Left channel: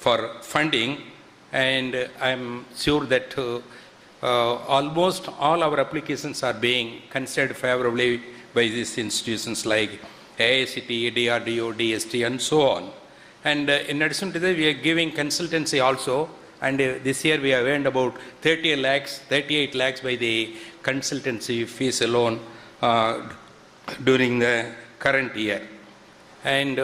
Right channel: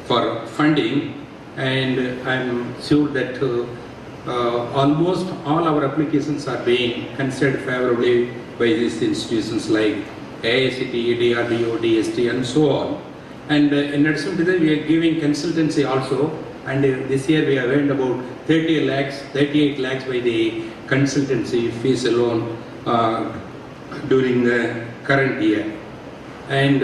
for funding, and I'm sure that almost all our applications are being considered favorably by these institutions like AICTE, DRDO, DST, and so on. And in addition to that, we are giving consultancy also, and this year we have earned about 38 lakhs by the consultancy fees alone during the current year. And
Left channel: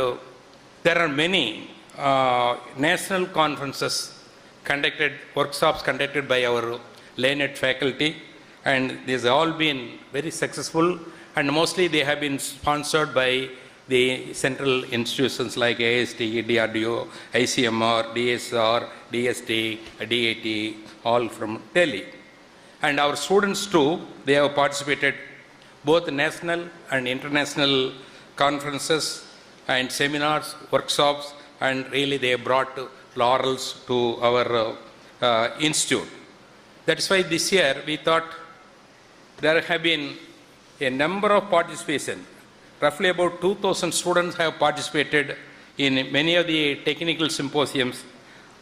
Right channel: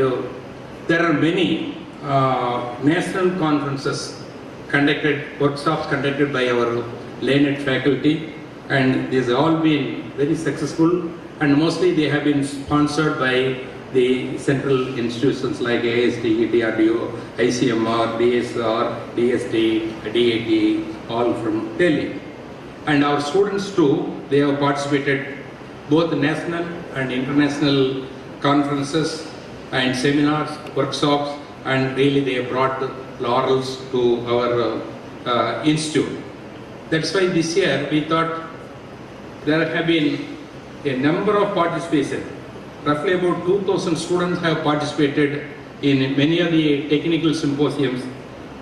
there are many national conferences conducted, workshops conducted by our learned faculty, and these have all been very successful, and mostly they have been sponsored by the central institutions like ASD, DRDO, ICMR, DSR, DST, DAT, all from Delhi. And our students too, they have participated both national and international conferences and seminars, workshops, and really they have brought laurels to our institute. That's why this year we thought there have been a number of participation. Roughly about 2,000 students have participated in many of the technical symposiums.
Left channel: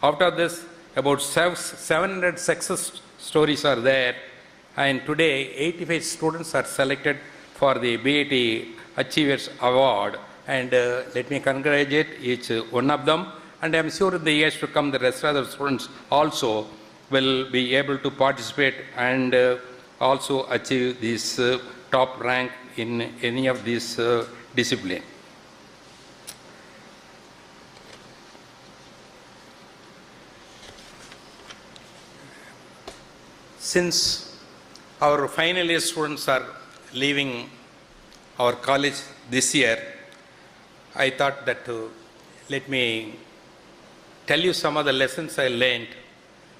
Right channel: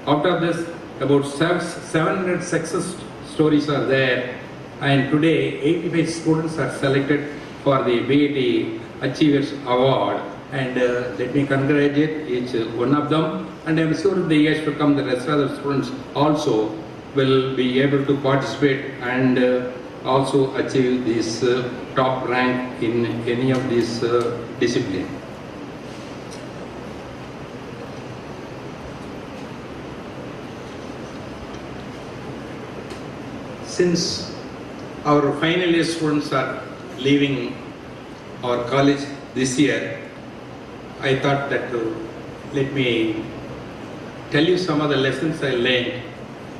Out of this, about 700 success stories are there, and today 85 students are selected for the BAT Achievers Award. And let me congratulate each one of them, and I'm sure in the years to come the rest of the students also will be able to participate and also achieve this top rank in any of these disciplines. Since our final year students are leaving our college this year, I thought that let me tell you some of the lessons I learned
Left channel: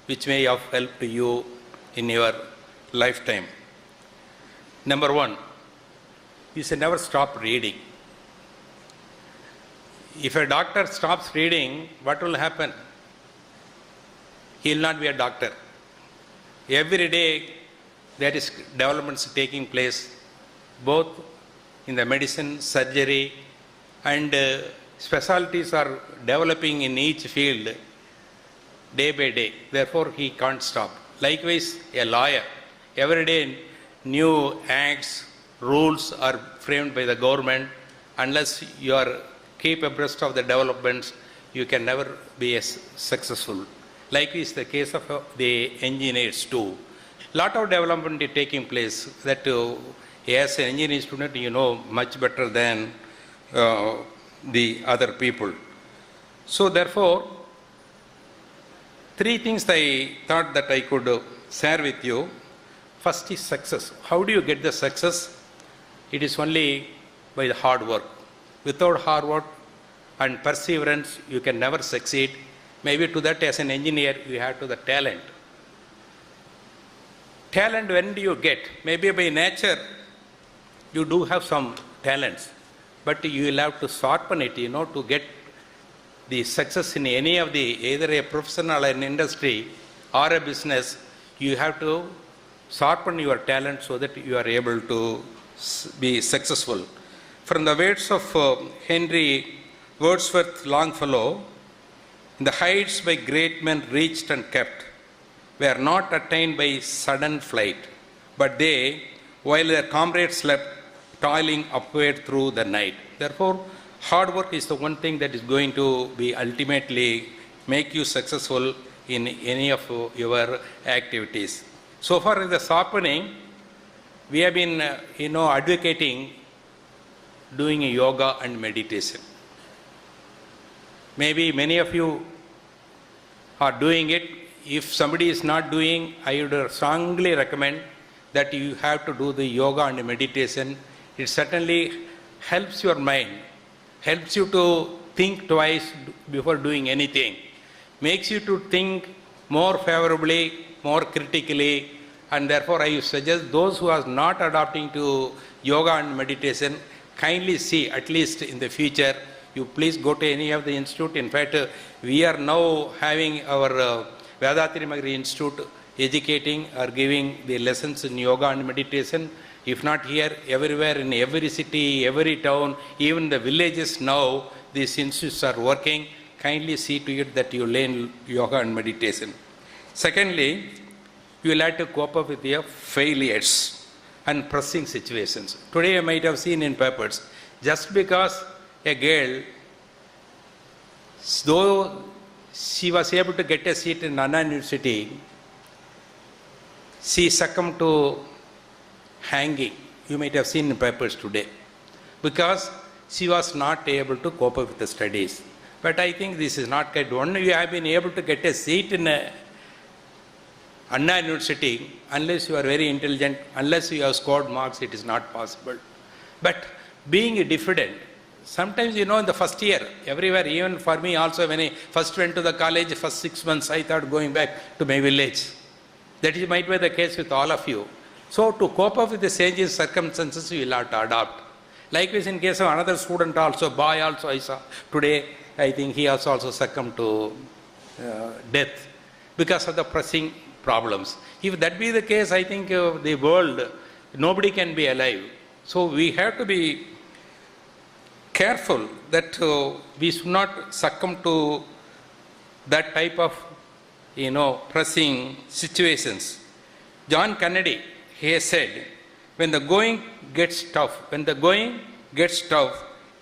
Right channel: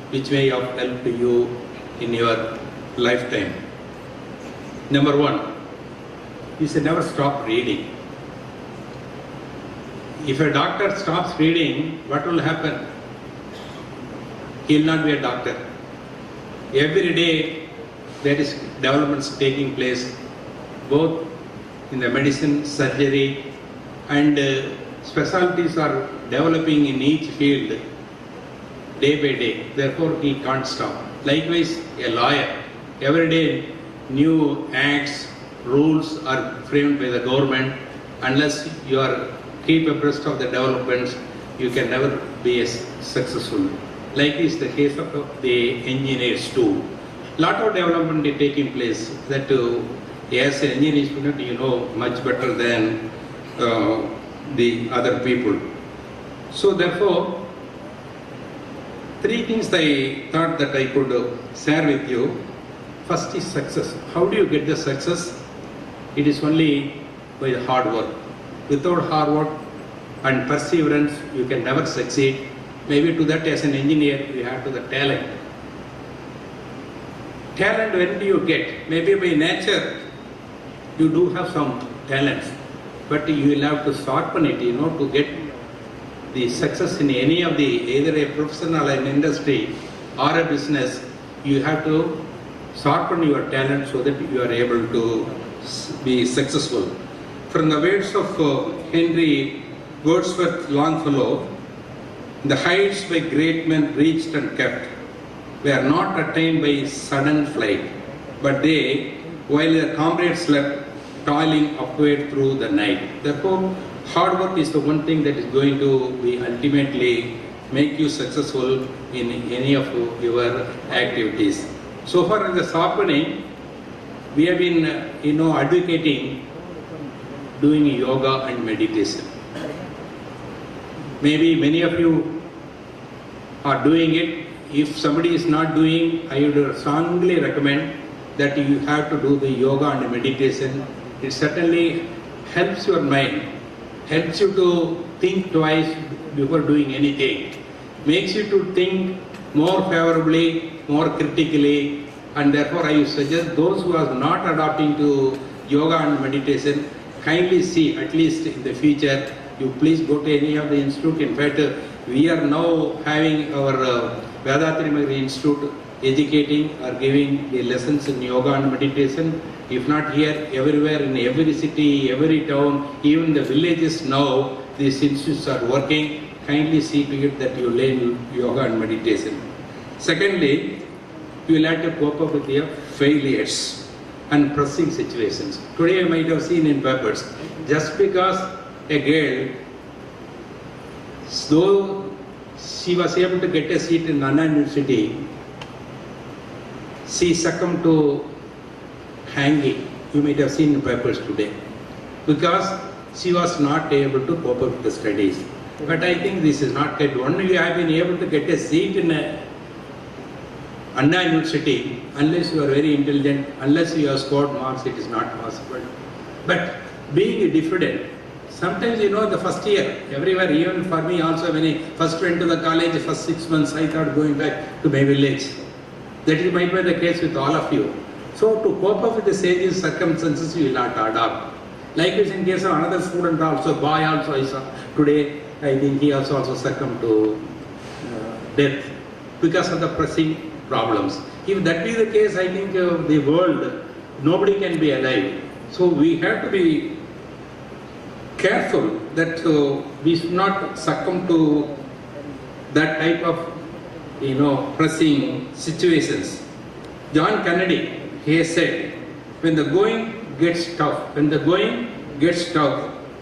which may have helped you in your lifetime. Number one, you should never stop reading. If a doctor stops reading, what will happen? He will not be a doctor. Every day there is developments taking place, both in the medicine, surgery, and specialties are developing in each field day by day. Therefore, he can't stop. Likewise, a lawyer. Every day, new acts, rules are framed by the government. Unless you are keep abreast of the developments, you can never be successful. Like is the case of the engineers too. Lot of development is taking place that as an engineering student, you know much better than the other people. So therefore, three things I thought that I could share with you. First is success. How do you get the success? It is only by the hard work. Without hard work and perseverance, you can never succeed. Maybe to that, as an engineer, you have to the talent. Talent, when do you get? Maybe by nature, you do have some talents, but you will have to sharpen it, to get the success in any of the, either a professional or an industry or a business. You have to sharpen your talent so that you are able to be successful. From the words of Henry Wordsworth Longfellow, the heights by great men reached and kept were not attained by sudden flight, but they, while their comrades slept, toiling upward through the night. Therefore, hard work is the one thing that is going to be ultimately make you successful in any of your activities. So far in the sharpening, we have been, advocating doing yoga and meditation. Maybe many of you are doing it. If somebody is not doing, I would strongly recommend that you have to do the yoga and meditation. It certainly helps your mind, helps you to think twice before doing anything, makes you to think more favorably, more critically, and therefore I suggest those who are not adopting to yoga and meditation, kindly see at least in the future, you please go to any of the institute. In fact, we are now having our Vedatrimagari Institute educating or giving the lessons in yoga and meditation. If not here, everywhere, in every city, every town, even the villages now, these institutes are working. kindly see to it that you learn yoga and meditation. Secondly, you will have to cope up with your failures and pressing situations. Today you might have seen in papers, just because a girl, though she was able to get a seat in Anna University, she succumbed to hanging. You might have seen in papers today, because she was not able to cope up with the studies. But I think this is not right. Only you have been able to get a seat in Anna University, unless you are very intelligent, unless you have scored marks, it is not possible. But being a diffident, sometimes in the first year, everywhere, even for me also, when I first went to the college, first 6 months, I thought going back to my village. That might be the case with all of you. So to cope up with the changing circumstances, you will have to adapt. Likewise, in case of another student also, boy also I saw today, I think he has also succumbed to death because of the pressing problems. If that be the case, I think the world, nobody can be alive. So we have to be careful that we should not succumb to that type of pressing situations. John Kennedy, he said, when the going gets tough,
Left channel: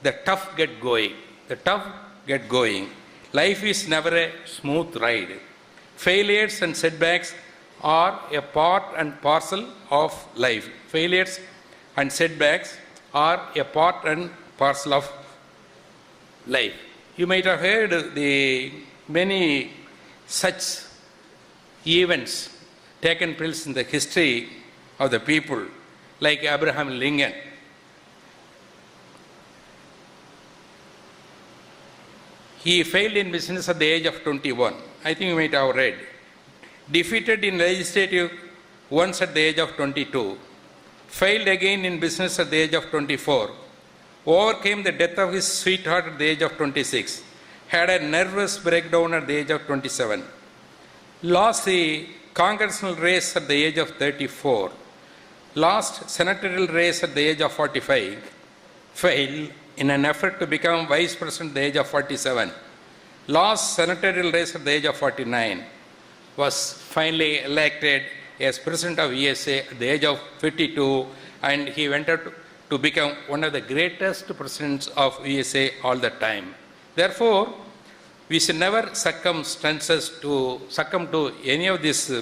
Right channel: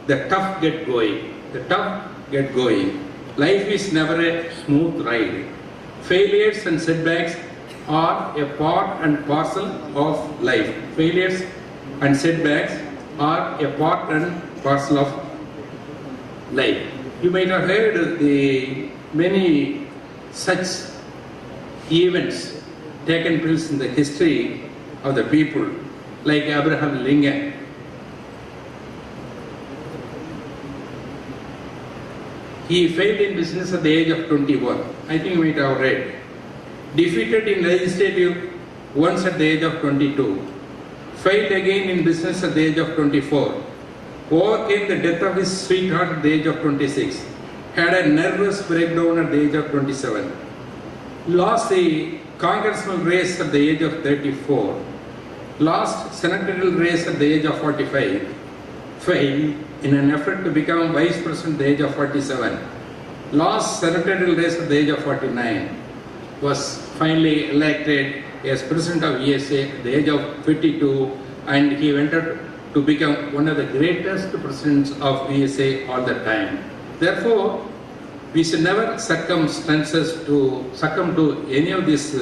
the tough get going. The tough get going. Life is never a smooth ride. Failures and setbacks are a part and parcel of life. Failures and setbacks are a part and parcel of life. You might have heard the many such events taken place in the history of the people, like Abraham Lincoln. He failed in business at the age of 21. I think you might have read. Defeated in legislative once at the age of 22. Failed again in business at the age of 24. Overcame the death of his sweetheart at the age of 26. Had a nervous breakdown at the age of 27. Lost the congressional race at the age of 34. Lost senatorial race at the age of 45. Failed in an effort to become vice president at the age of 47. Lost senatorial race at the age of 49. Was finally elected as president of USA at the age of 52, and he went on to become one of the greatest presidents of USA all the time. Therefore, we should never succumb to any of these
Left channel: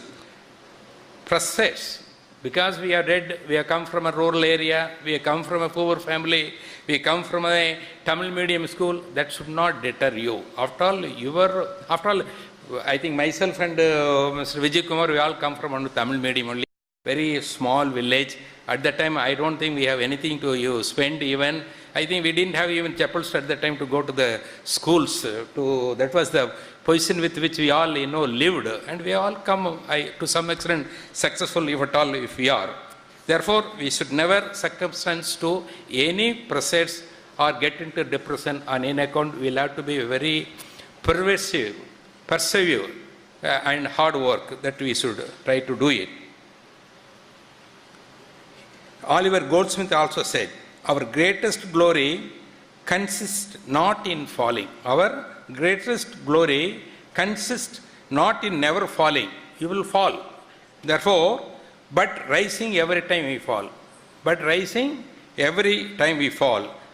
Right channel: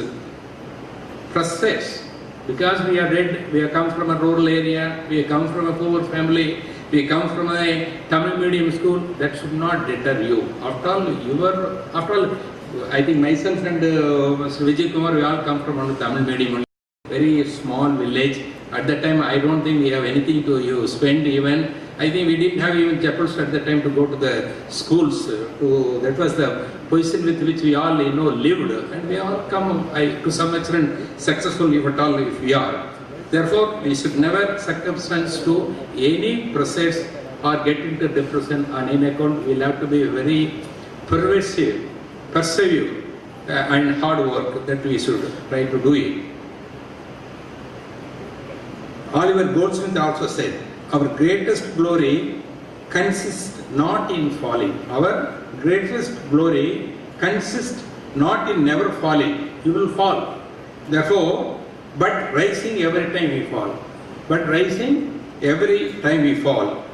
prospects, because we have come from a rural area, we have come from a poor family, we come from a Tamil medium school. That should not deter you. After all, I think myself and Mr. Vijay Kumar, we all come from a Tamil medium only. Very small village. At that time, I don't think we have anything to spend even. I think we didn't have even chappals at that time to go to the schools. That was the position with which we all lived, and we all come to some extent successful if we are. Therefore, we should never circumstance to any process or get into depression on any account. We'll have to be very persevere, and hard work that we should try to do it. Oliver Goldsmith also said, our greatest glory consists not in falling. Our greatest glory consists not in never falling. You will fall. Therefore, but rising every time we fall.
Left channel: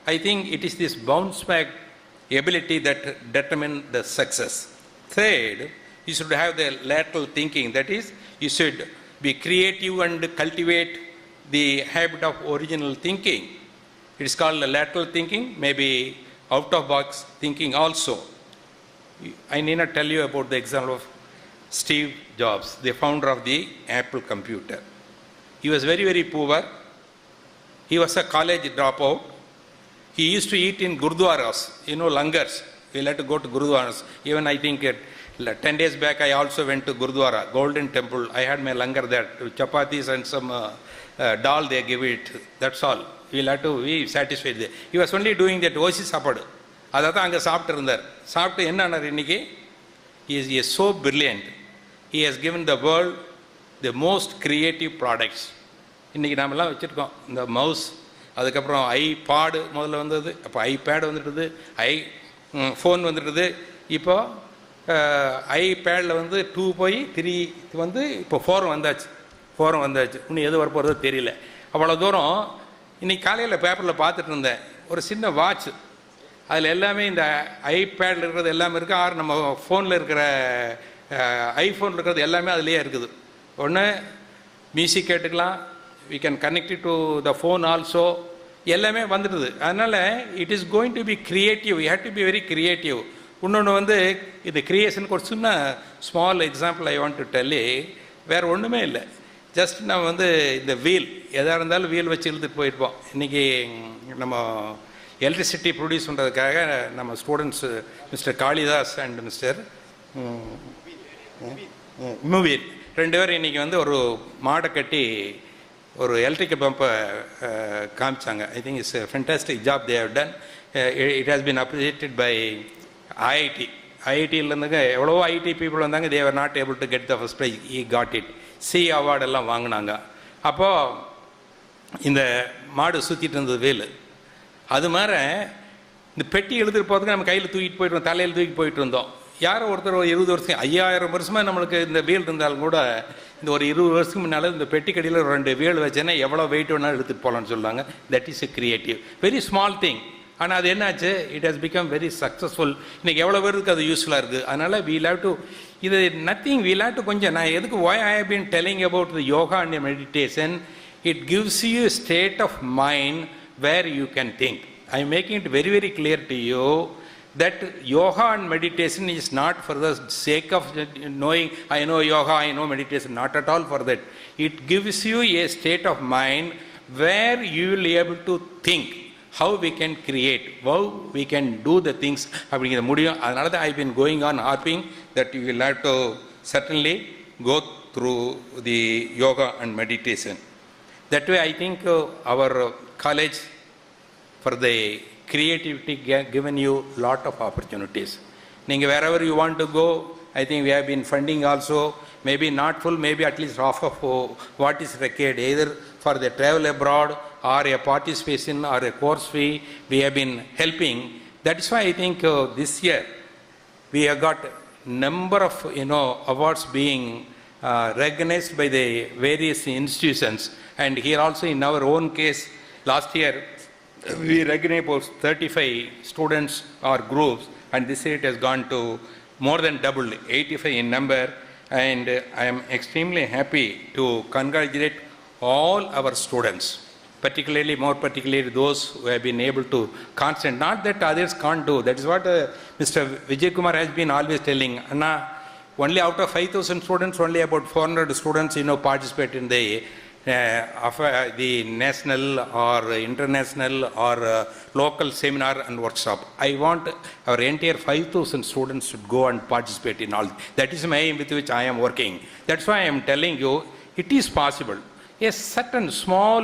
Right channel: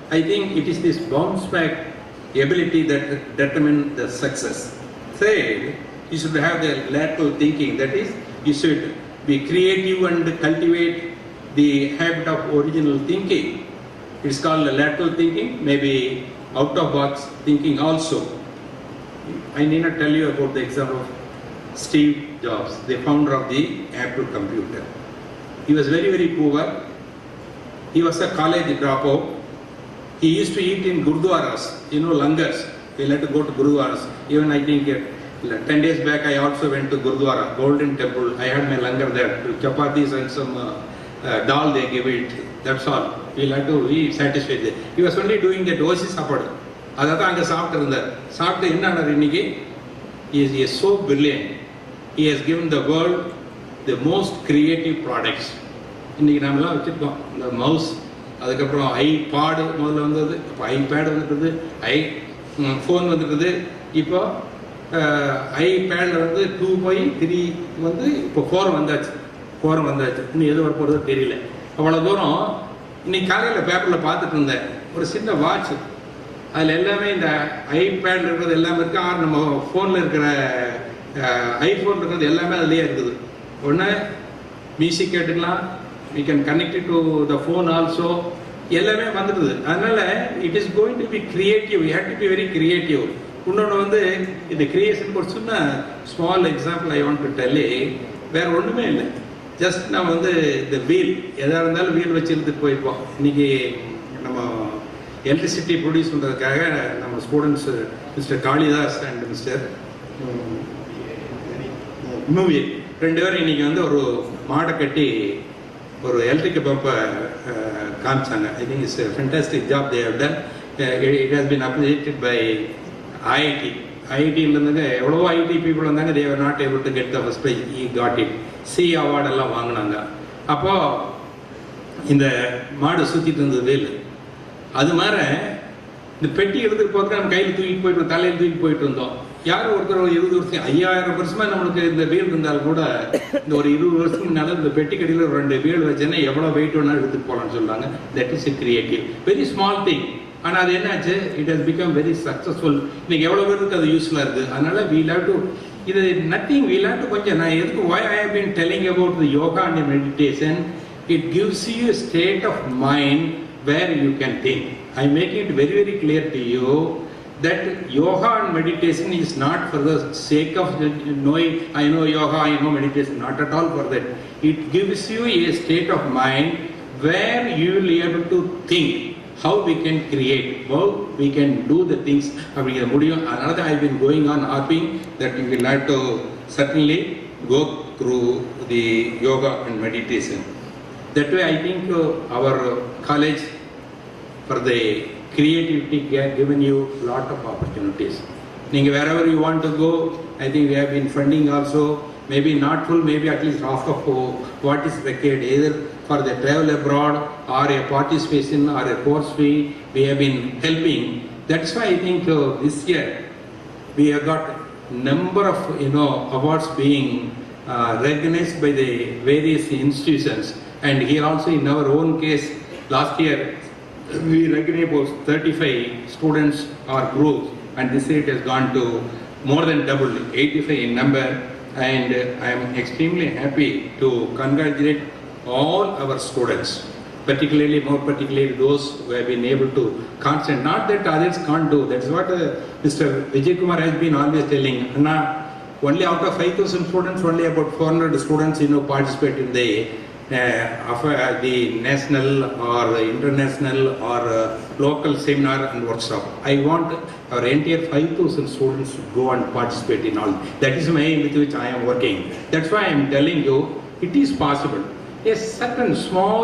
I think it is this bounce back ability that determines the success. Third, you should have the lateral thinking. That is, you should be creative and cultivate the habit of original thinking. It is called lateral thinking, maybe out of box thinking also. I need not tell you about the example of Steve Jobs, the founder of the Apple computer. He was very, very poor. He was a college dropout. He used to eat in gurdwaras, langars. He had to go to gurdwaras. Even I think 10 days back I also went to Gurdwara, Golden Temple. I had my langar there, chapatis and some dal they give it. That's all. We'll have to be satisfied. He was only doing that dosi sapadu. He is so brilliant. He has given the world the most creative products. The mouse, iPod, iPad, phone, இப்போ ஐபேடில் வந்து 2 போய் 3 வந்து இப்போ 4 வந்தாச்சு. இன்னும் எது வர போகிறது தெரியல. அவ்வளோ தூரம் இன்னைக்கு காலையில் பேப்பரில் பார்த்துட்டு இருந்தேன், ஒரு சின்ன வாட்ச், அதில் எல்லாமே இந்த ஐபேட் இருக்கிறது எல்லாமே இருக்கா, நம்ம ஃபோனில் இருக்கிற ஐஃபோன் இருக்கிறது எல்லாமே அதுலேயே இருக்குது. ஒன்று மியூசிக் கேட்டுக்கலாம், we can connect it to the phone also, எல்லாமே வந்துடுது. அதனால it is going to be creative, you have to be very creative. இன்னொன்று வந்து இந்த கிரியேஷன் ஒரு சின்ன small example I want to tell you. வேறு ஒன்றுமே இல்லை, ஜஸ்ட் நான் வந்து இந்த வீல் எதாக இருந்தாலும் வீல் வச்சு இழுத்துட்டு போயிருப்போம். இன்றைக்கி நம்ம எலக்ட்ரிசிட்டி ப்ரொடியூஸ் பண்ணுறதுக்காக நம்ம students mister Kalidas and mister movie 2 பேரும் இன்றைக்கி வந்து ஒரு மாடை கட்டி ஒரு எலக்ட்ரிக்கல் பம்பை காமிச்சாங்க. I think it's fantastic job they have done. It has been appreciated by ஐஐடியிலேருந்துங்க எவ்வளோ ஐடி பீப்புள் வந்தாங்க. They are not able to get the first prize, he got it, சி அவார்டு எல்லாம் வாங்கினாங்க. அப்போது இந்த மாடு சுற்றிட்டு இருந்தது வேலு. அது மாதிரி இந்த பெட்டி எடுத்துகிட்டு போகிறதுக்கு நம்ம கையில் தூக்கிட்டு போயிட்டு இருந்தோம், தலையில் தூக்கிட்டு போயிட்டு இருந்தோம். யாரும் ஒருத்தர் 20 வருஷம் 5000 வருஷமாக நம்மளுக்கு இந்த வீடு இருந்தால் கூட இந்த ஒரு 20 வருஷம் முன்னால் இந்த பெட்டி கடையில் 2 வீடு வச்சேன்னா எவ்வளோ வெயிட் வேணாலும் எடுத்துகிட்டு போகலான்னு சொல்லுவாங்க. That is a creative, very small thing. ஆனால் அது என்னாச்சு, it has become very successful. இன்னைக்கு எவ்வளோ பேருக்கு அது யூஸ்ஃபுல்லாக இருக்குது. அதனால் வீல் ஹேவ் டு, இது நத்திங், வீல் ஹேவ் டு கொஞ்சம், நான் எதுக்கு why I have been telling about the yoga and meditation, it gives you a state of mind where you can think. I make it very very clear to you that yoga and meditation is not for the sake of knowing I know yoga, I know meditation, not at all for that. It gives you a state of mind where you will be able to think how we can create, how we can do the things. அப்படிங்கிற முடியும். அதனால தான் I have been going on harping that you will have to certainly go through the yoga and meditation. That way I think our college for the creativity has given you lot of opportunities. Wherever you want to go, I think we have been funding also, maybe not full, maybe at least half of what is required, either for the travel abroad or a participation or a course fee, we have been helping. That's why I think this year we have got number of awards being recognized by the various institutions. And here also in our own case, last year we recognized about 35 students or groups, and this year it has gone to more than double, 85 in number. And I am extremely happy to congratulate all our students, more particularly those who have been able to concentrate. Not that others can't do. That's what Mr. Vijay Kumar has been always telling. Anna, only out of 5,000 students, only about 400 students participate in the national or international or local seminar and workshop. I want our entire 5,000 students to go and participate in all. That is my aim with which I am working. That's why I am telling you, it is possible. A certain small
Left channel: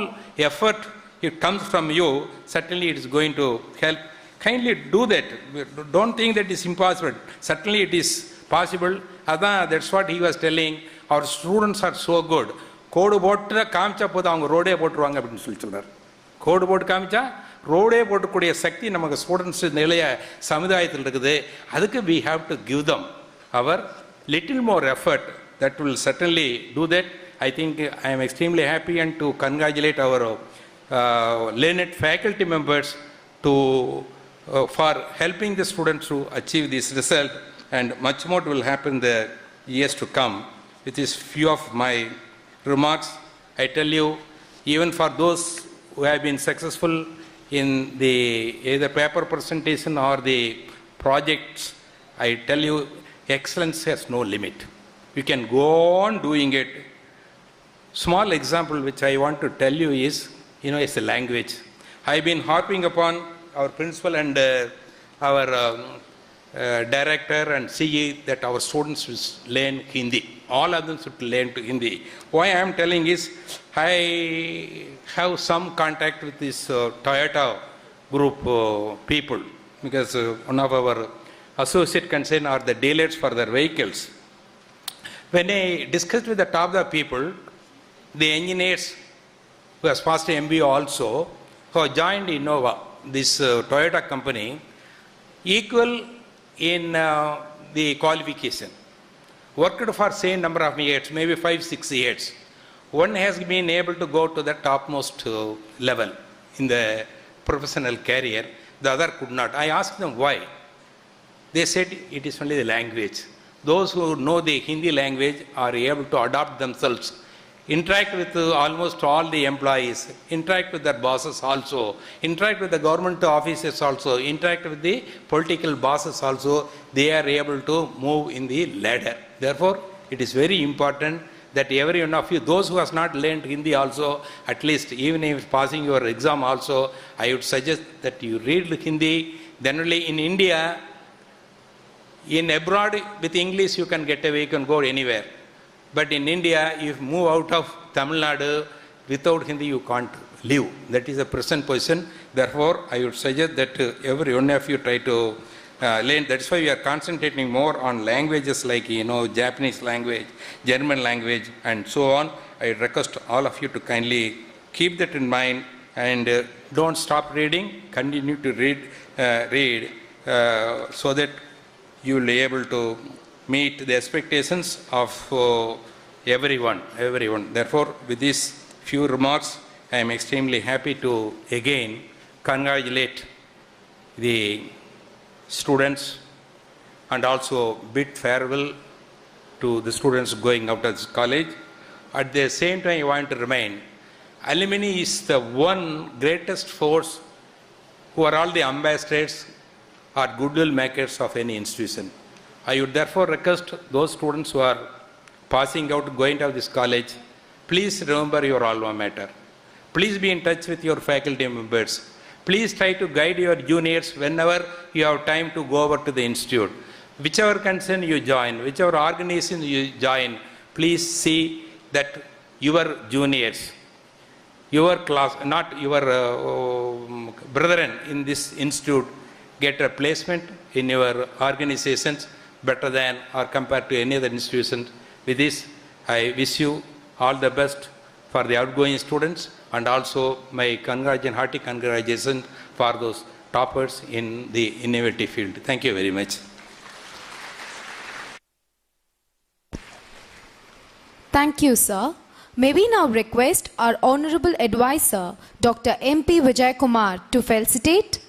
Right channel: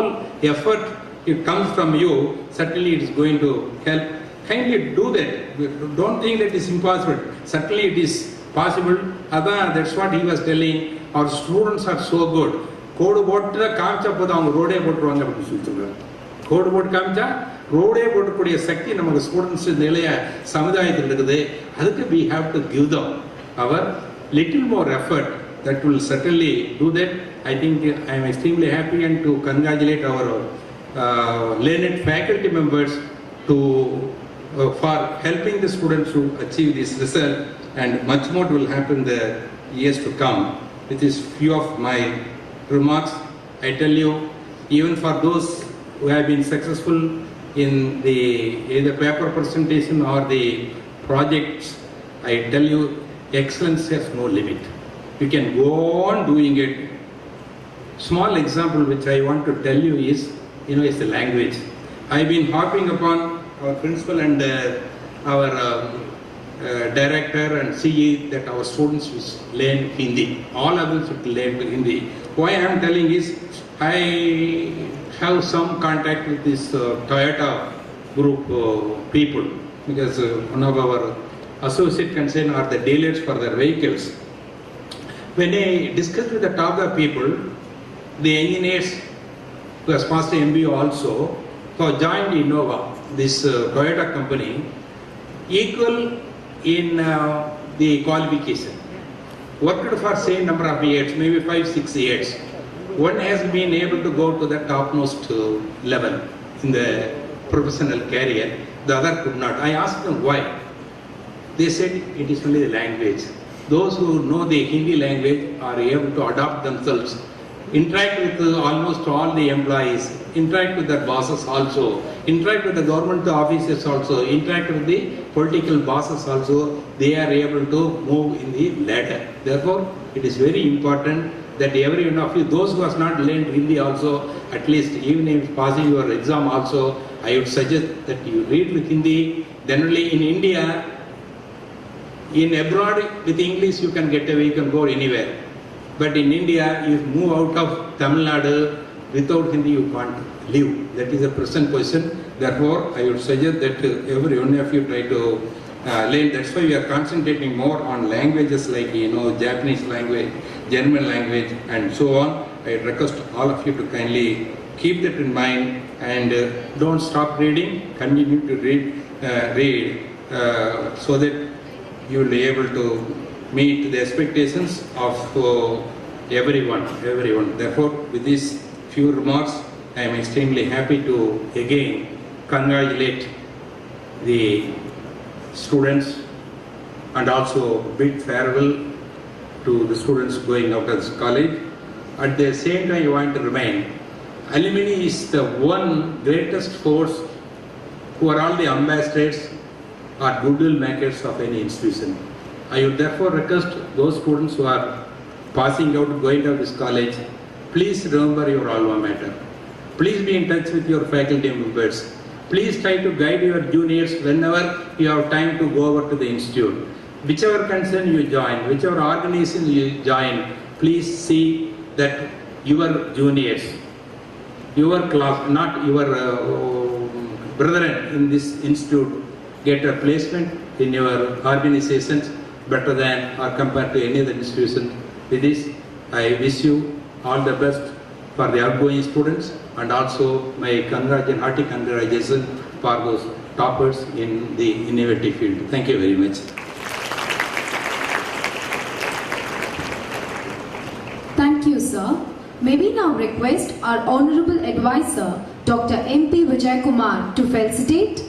effort, it comes from you, certainly it is going to help. Kindly do that. Don't think that it is impossible. Certainly it is possible. That's what he was telling. Our students are so good. கோடு போட்டு காமிச்சா போது அவங்க ரோடே போட்டுருவாங்க அப்படின்னு சொல்லி சொன்னாங்க. கோடு போட்டு காமிச்சா ரோடே போட்டக்கூடிய சக்தி நமக்கு ஸ்டூடெண்ட்ஸ் நிலைய சமுதாயத்தில் இருக்குது. அதுக்கு we have to give them our little more effort. That will certainly do that. I think I am extremely happy and to congratulate our learned faculty members for helping the students to achieve this result, and much more will happen in the years to come. It is few of my remarks. I tell you, even for those who have been successful in the either paper presentation or the projects, I tell you, excellence has no limit. You can go on doing it. Small example which I want to tell you is, it's a language. I have been harping upon our principal and our director and CE that our students should learn Hindi. All of them should learn Hindi. Why I am telling is, I have some contact with this Toyota group people, because one of our associate concern are the dealers for their vehicles. When I discussed with the Toyota people, the engineers who has passed MBA also, who have joined Innova, this Toyota company, equal in the qualification. Worked for same number of years, maybe 5-6 years. One has been able to go to the topmost level in the professional career, the other could not. I asked them why. They said it is only the language. Those who know the Hindi language are able to adapt themselves, interact with almost all the employees, interact with their bosses also, interact with the government officers also, interact with the political bosses also. They are able to move in the ladder. Therefore, it is very important that every one of you, those who have not learned Hindi also, at least even if passing your exam also, I would suggest that you read with Hindi. Then only in India, in abroad with English you can get away, you can go anywhere. But in India, you move out of Tamil Nadu, without Hindi you can't live. That is the present position. Therefore, I would suggest that every one of you try to learn. That's why we are concentrating more on languages like, Japanese language, German language, and so on. I request all of you to kindly keep that in mind and don't stop reading. Continue to read so that you will be able to meet the expectations of everyone. Therefore, with these few remarks, I am extremely happy to again congratulate the students and also bid farewell to the students going out of this college. At the same time, I want to remind, alumni is the one greatest force who are all the ambassadors or goodwill makers of any institution. I would therefore request those students who are passing out, going out of this college, please remember your alma mater. Please be in touch with your faculty members. Please try to guide your juniors whenever you have time to go over to the institute. Whichever concern you join, whichever organization you join, please see that your juniors, your class, not your brethren in this institute, get a placement in your organizations better than or compared to any other institution. With this, I wish you all the best for the outgoing students and also my hearty congratulations for those toppers in the innovative field. Thank you very much. Thank you, sir. May we now request our Honorable Advisor, Dr. M.P. Vijay Kumar, to felicitate.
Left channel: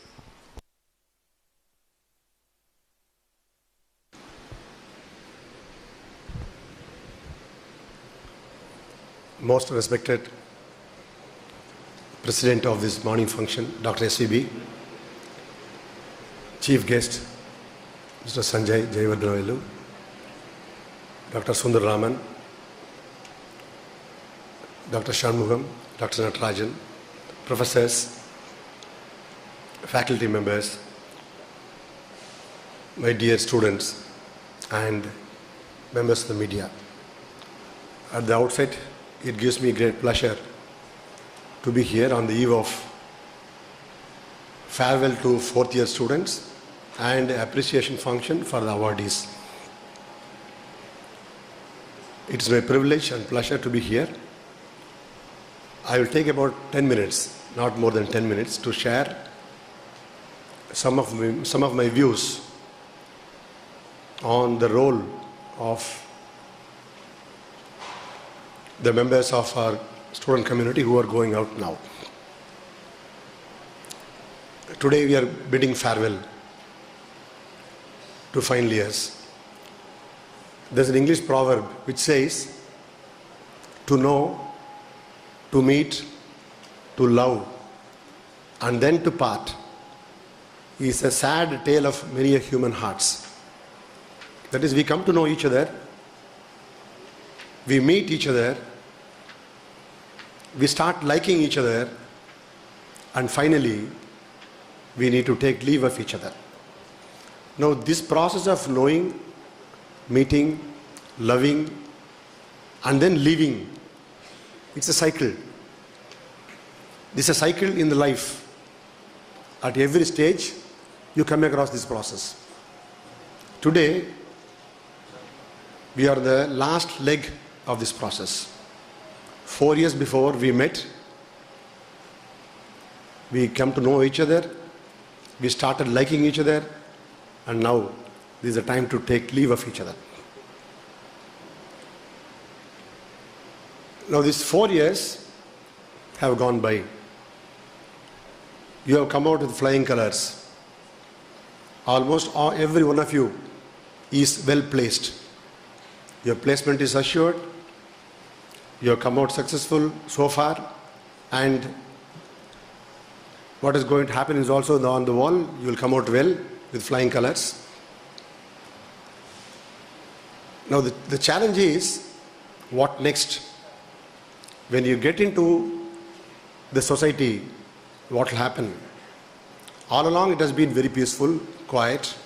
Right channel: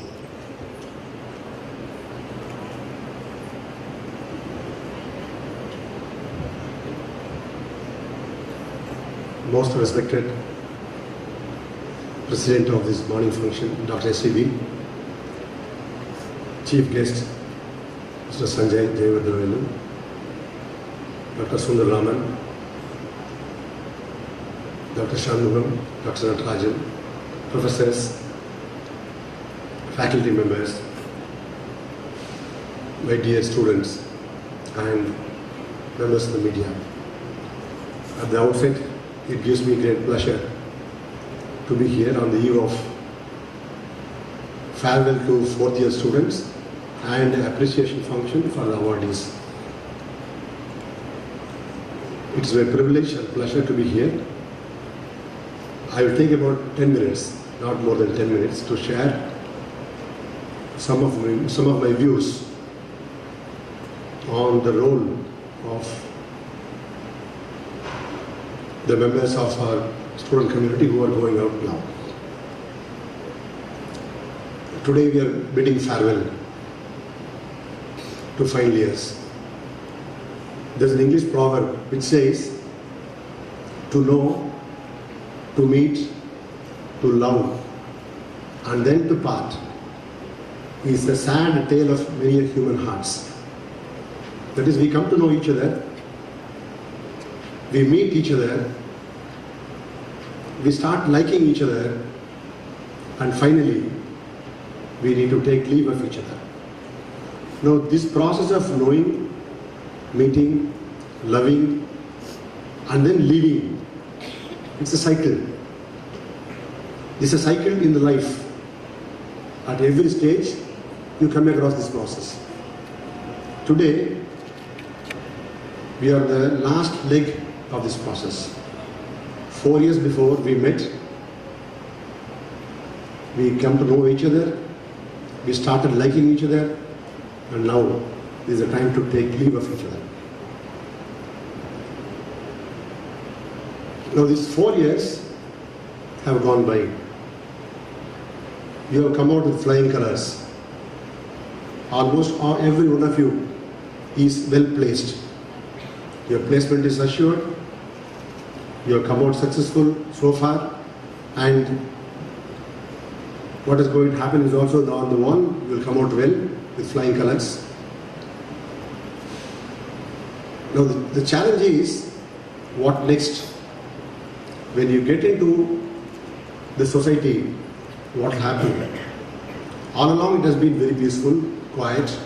Most respected President of this morning function, Dr. S.C.B., Chief Guest, Mr. Sanjay Jayavardhanelu, Dr. Sundararaman, Dr. Shanmugam, Dr. Natarajan, professors, faculty members, my dear students, and members of the media. At the outset, it gives me great pleasure to be here on the eve of farewell to fourth-year students and appreciation function for the awardees. It's my privilege and pleasure to be here. I will take about 10 minutes, not more than 10 minutes, to share some of my views on the role of the members of our student community who are going out now. Today we are bidding farewell to final years. There's an English proverb which says, to know, to meet, to love, and then to part is a sad tale of many human hearts. That is, we come to know each other, we meet each other, we start liking each other, and finally, we need to take leave of each other. Now, this process of knowing, meeting, loving, and then leaving, it's a cycle. This is a cycle in the life. At every stage, you come across this process. Today, we are the last leg of this process. 4 years before we met, we come to know each other, we started liking each other, and now This is a time to take leave of each other. Now these 4 years have gone by. You have come out with flying colors. Almost every one of you is well placed. Your placement is assured. You have come out successful so far, and what is going to happen is also on the wall. You will come out well with flying colors. Now the challenge is, what next? When you get into the society, what will happen? All along it has been very peaceful, quiet.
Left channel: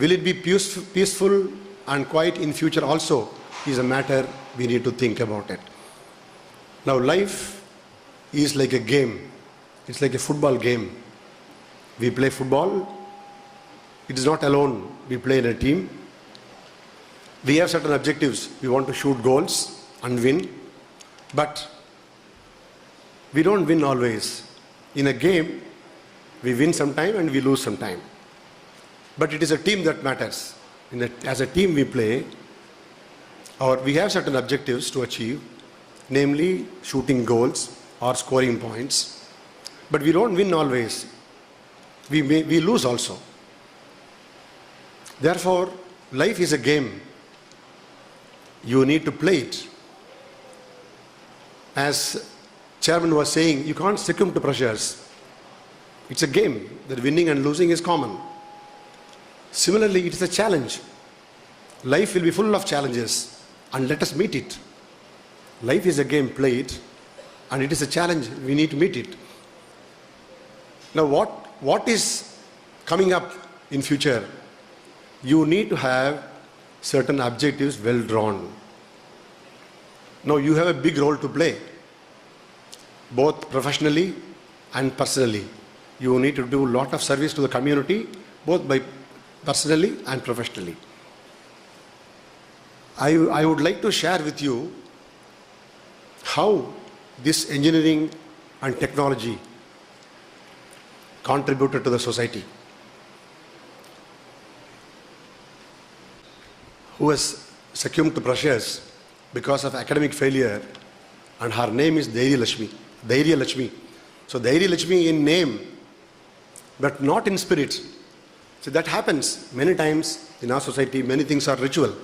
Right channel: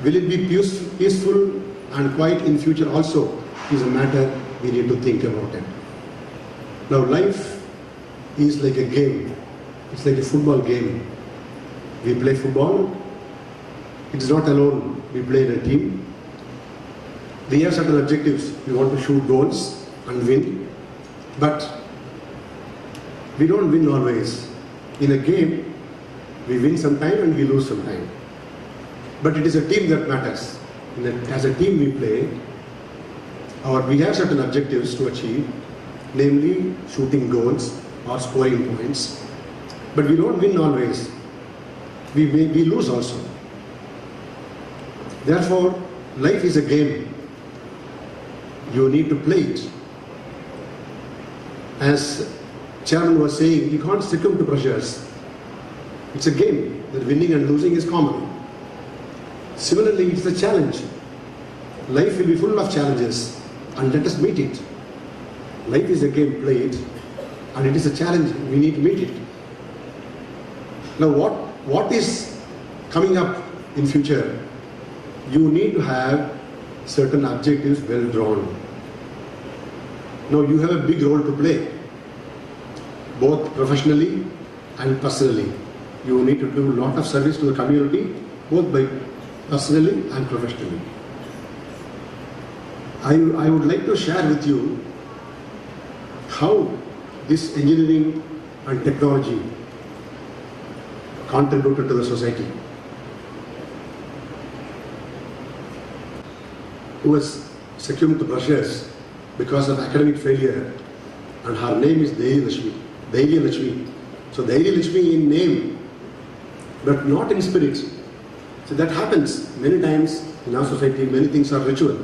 Will it be peaceful and quiet in future also is a matter we need to think about it. Now life is like a game. It's like a football game. We play football. It is not alone. We play in a team. We have certain objectives. We want to shoot goals and win. But we don't win always. In a game, we win sometime and we lose sometime. But it is a team that matters. As a team we play, or we have certain objectives to achieve, namely shooting goals or scoring points. But we don't win always. We lose also. Therefore, life is a game. You need to play it. As Chairman was saying, you can't succumb to pressures. It's a game. The winning and losing is common. Similarly, it's a challenge. Life will be full of challenges, and let us meet it. Life is a game, play it, and it is a challenge, we need to meet it. Now what is coming up in future? You need to have certain objectives well drawn. Now you have a big role to play, both professionally and personally. You need to do a lot of service to the community, both by personally and professionally. I would like to share with you how this engineering and technology contributed to the society. Who was succumbed to pressures because of academic failure, and her name is Dhairya Lakshmi. So Dhairya Lakshmi in name, but not in spirit. So that happens many times in our society. Many things are ritual.